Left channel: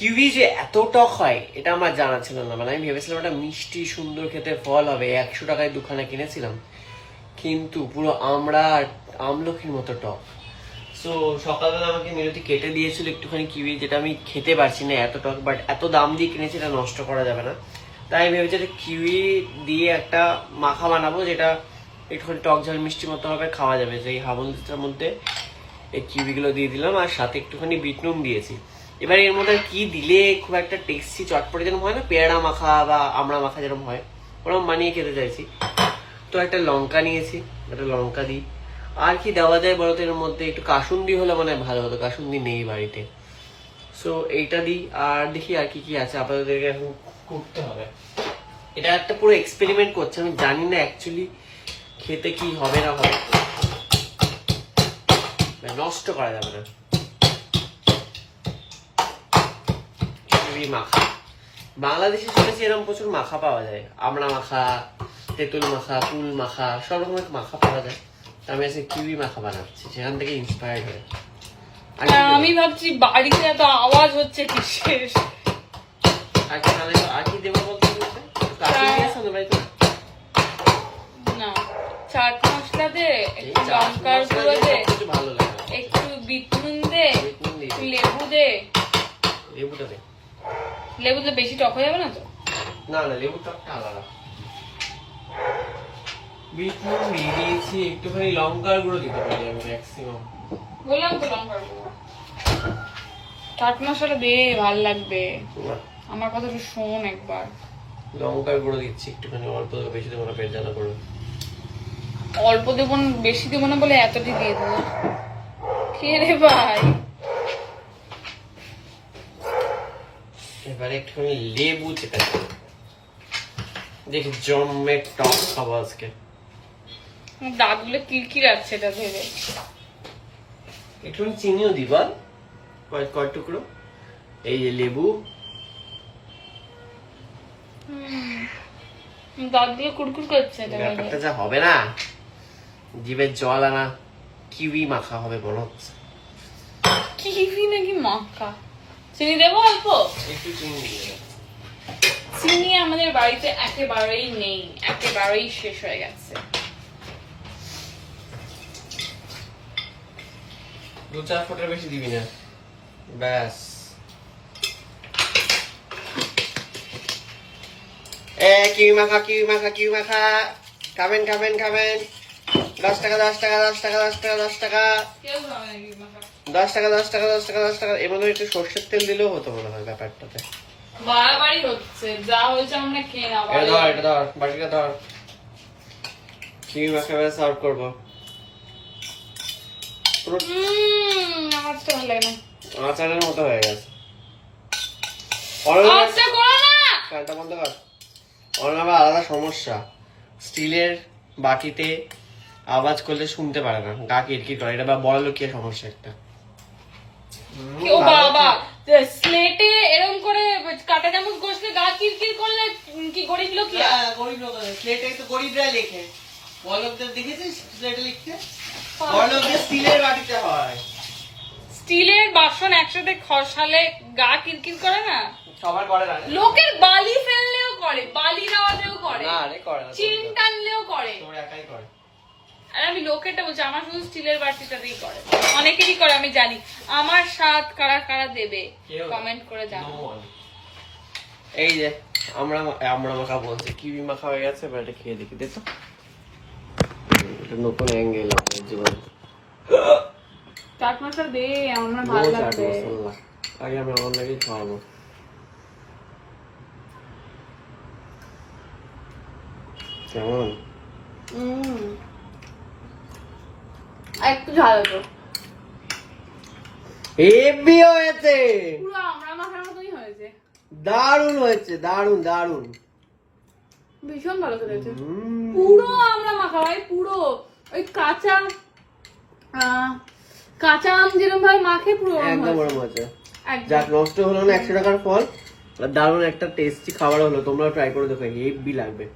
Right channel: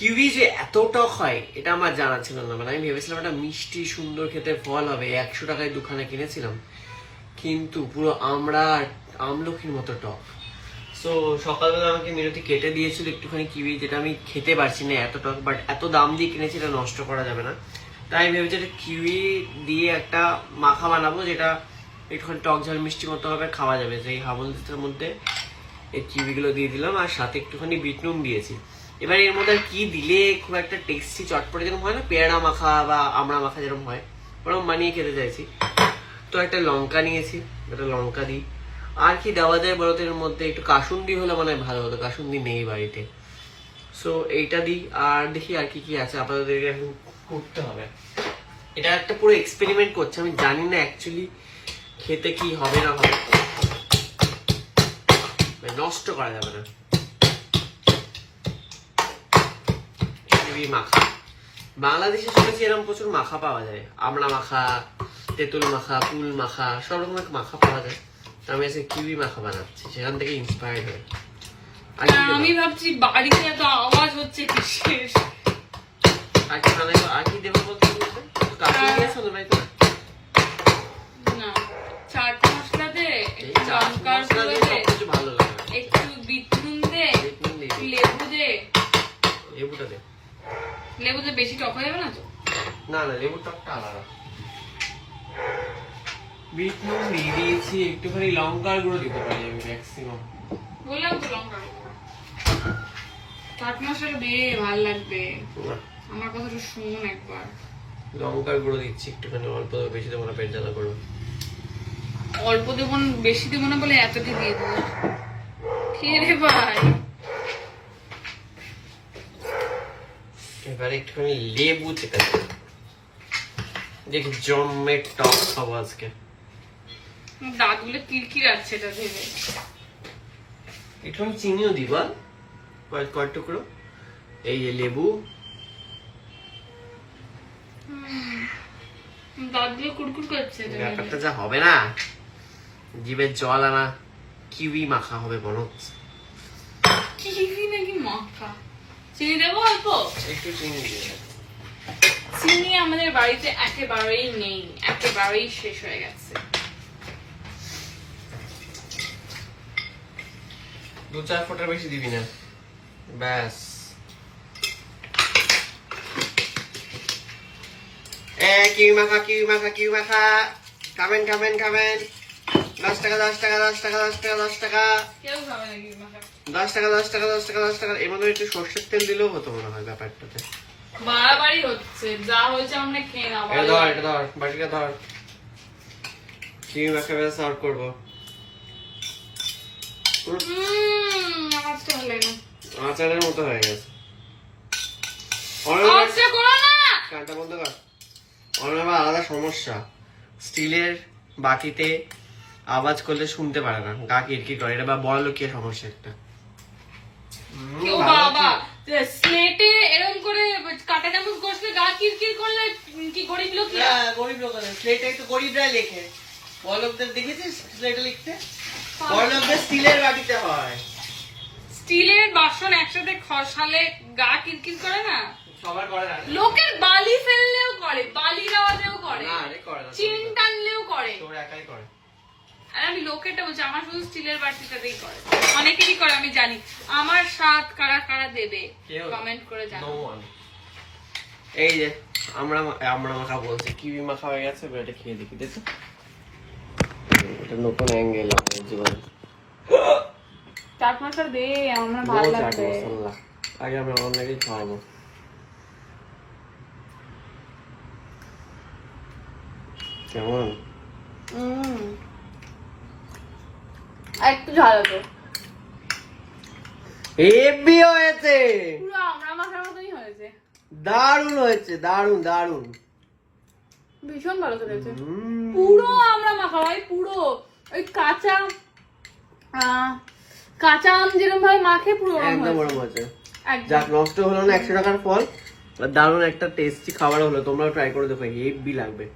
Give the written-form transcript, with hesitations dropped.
Kiwi যে এত টক হয় এটা আমার জানা ছিল না। মানে আমি ভেবেছিলাম একটা মিষ্টি সুন্দর খেতে ফল হবে, 100 টাকায় দুখানা কিনেছিলাম, কিন্তু পুরো আমড়া আর আমলকির মতো টক। সো সকালবেলা আমাকে মিনতি কেটে দিয়েছিল একটুখানি কিউই, যেটা আমি খেতে পারছি না, এত টক, বাট এত দাম দিয়ে কিনেছি, এটা নষ্ট করা যাবে না। তাই ভেবেছি যে কিউই দিয়ে একটা মাখা বানাবো, যেটা একটুখানি টক ঝাল মিষ্টি মতো হবে, খাওয়া যাবে। সেই হাবলটার মধ্যে এই কিউই গুলো দিয়ে দিলাম, আর সাথে একটুখানি বিট নুন দিয়েছি। এবার এর মধ্যে কি দিলে খুব একটা টেস্টি চটপটে যেরকম হয় না, পেয়ারা মাখা বা আমড়া মাখা যেরকম হয়, ওরকম বানিয়ে খেতে চাইছি। তো একটা লঙ্কা নিয়েছি, একটা লঙ্কা দিই। আর কি দেওয়া যায় বলতো এর মধ্যে? একটু কাসুন্দি হলে মানে ভালো হতো, কাসুন্দি নেই বাড়িতে। সো এইটা দিই, আর দেখি আর কি কি আছে। আপাতত এখন করতে হবে, এটা একটা পুরো এক্সপেরিমেন্ট করছে। আমি জানি না অ্যাকচুয়ালি খেতে কি হবে না হবে, নষ্ট করা যাবে না। মাখা বাংলাদেশে শুনেছি এরকম প্রচুর মাখা পাওয়া যায়, আমড়া মাখা, তেঁতুল মাখা, কুল মাখা, সব রকমের মাখা পাওয়া যায়। আমি আজকে কিউই মাখা বানাচ্ছি, সেখান থেকে ইন্সপায়ার্ড হয়ে। আমি ভাবছি বাড়িতে এত আওয়াজ হচ্ছে কিসের। আর কি দেবো বলতে? না, চাট মশলা দে, একটু লঙ্কার গুঁড়ো দে, ভালো লাগে, একটু বিট নুন দে, একটু লেবু দে। লেবুটা দে। লেবু দিলে বেশি টক হয়ে যাবে না তো? না না, লেবুর টকটা আলাদা। বিট নুন দিয়ে দিয়েছি, একটুখানি লঙ্কার গুঁড়ো দিতে পারি আমি ম্যাক্সিমাম। বললাম তো লঙ্কার গুঁড়ো। চাট মশলা দে, ভাল লাগবে। আমার কথাটা শোন একবার। লঙ্কার গুঁড়ো দিচ্ছি একটুখানি, অল্প, বেশি দেবো না, পেট জ্বালা করবে। অল্প দেবো না, বেশি দেবো না বলে এতটি দিয়ে দেবো। কে রে ভাই? এবারে একটুখানি লেবু চেপে দেখি, জন্মে টক খাবো আজকে। দাঁতগুলো কিরকির আছে এটা ভেবে। একটুখানি চিনিও দিবা, কয়েক টুকরো। এই যে লেবু, দাঁতগুলো কুড়কুড় করছে। ব্যাপারটা যা হবে না, জিভের জল আনা। কিউই মাখা হবে বলো। কিউই নাকি মাখা? চিনি দেবো অল্প? একটু চিনি দিয়ে। চিনি আমাদের বাড়িতে একেবারেই নেই, একেবারেই শেষ হয়ে গেছে। 2-4 ফোঁটার বেশি দিবি না, ব্যাস। কিউই মাখা, কিউই মাখা, কিউই মাখা। খাবেন খাবেন খাবেন। 10 টাকা 10 টাকা 10 টাকা 10 টাকা 10 টাকা কেউ খাবে না কিউই মাখা। 10 টাকা 10 টাকা 10 টাকা 10 টাকা। এর মধ্যে একটু সর্ষের তেল দিলেও হতো মনে হয় ব্যাপারটাতে। বাড়াবাড়ি হচ্ছে, যা হয়েছে আমরা খেয়ে না। এটা ধর বাটিটা ধর, কিউই মাখা সার্ভ করবো। আমার তো ভালো লাগে না। আচারের মতো হয়ে গেছে। আচ্ছা করো না। কানটা বন্ধ কর। আবার আলাদা সমস্যা, স্টিলের বাটিতে আওয়াজ করলে শুনতে পারে না, গা কিরকির করে। এটা বা বড় লোকের সমস্যা একটা। ও বাবা, স্লেটে এরকম করে কাটা চামচ ঘষলে গা কিরকির করলে কি গরিব লোক? গরিব লোক স্লেটে একটু গরিবরা লেখে, বড় লোকদের দেখেছিস স্লেটে লিখতে? বড় লোকদের স্টিলের বাটিতে হয়। স্টিলের বাসন একসাথে খসালে গা কিরকির করে না? সবার করে না, লোকের বালি ফেললেও করে, বালি দেওয়ালেও করে, না রে করে না, চিন টানলেও করে। তোর একাই করে। আর আমি লোকেরটা বলছি, আমার শুধু স্টিলের বাটিটাতেই করে। অনেকেরই করে আমি জানি। আমার স্বাদ কারা কারা দেবে কমেন্ট করে জানাও। এই যে আমরা মাখা বলছি, কিউই মাখা হয়ে গেছে। এবার এটা খেয়ে দেখি, দেখো এটা নতুন অ্যাঙ্গেল আপনার জীবনে। চাট মশলা দে, আমার ভালো লাগবে। আগে আমি আমার নাকি খাওয়াবো। কেমন? একটু ঝাল তো হেভি হয়েছে, পুরো আমরা মাখার মতনই হয়েছে। দারুণ হয়েছে, দারুণ দারুণ, ভীষণ ভালো হয়েছে। পুরো আমরা মাখা হয়, পুরো ওই কাঁচা কাঁচা আম যেরকম ভাবে মাখে পুরো একদম ওরকম হয়েছে। যাক, নষ্ট হলো না 100 টাকার ফল, দারুণ একটা টেস্টি খাবার হলো। তোমরা ট্রাই করে দেখো, হেভি লাগবে।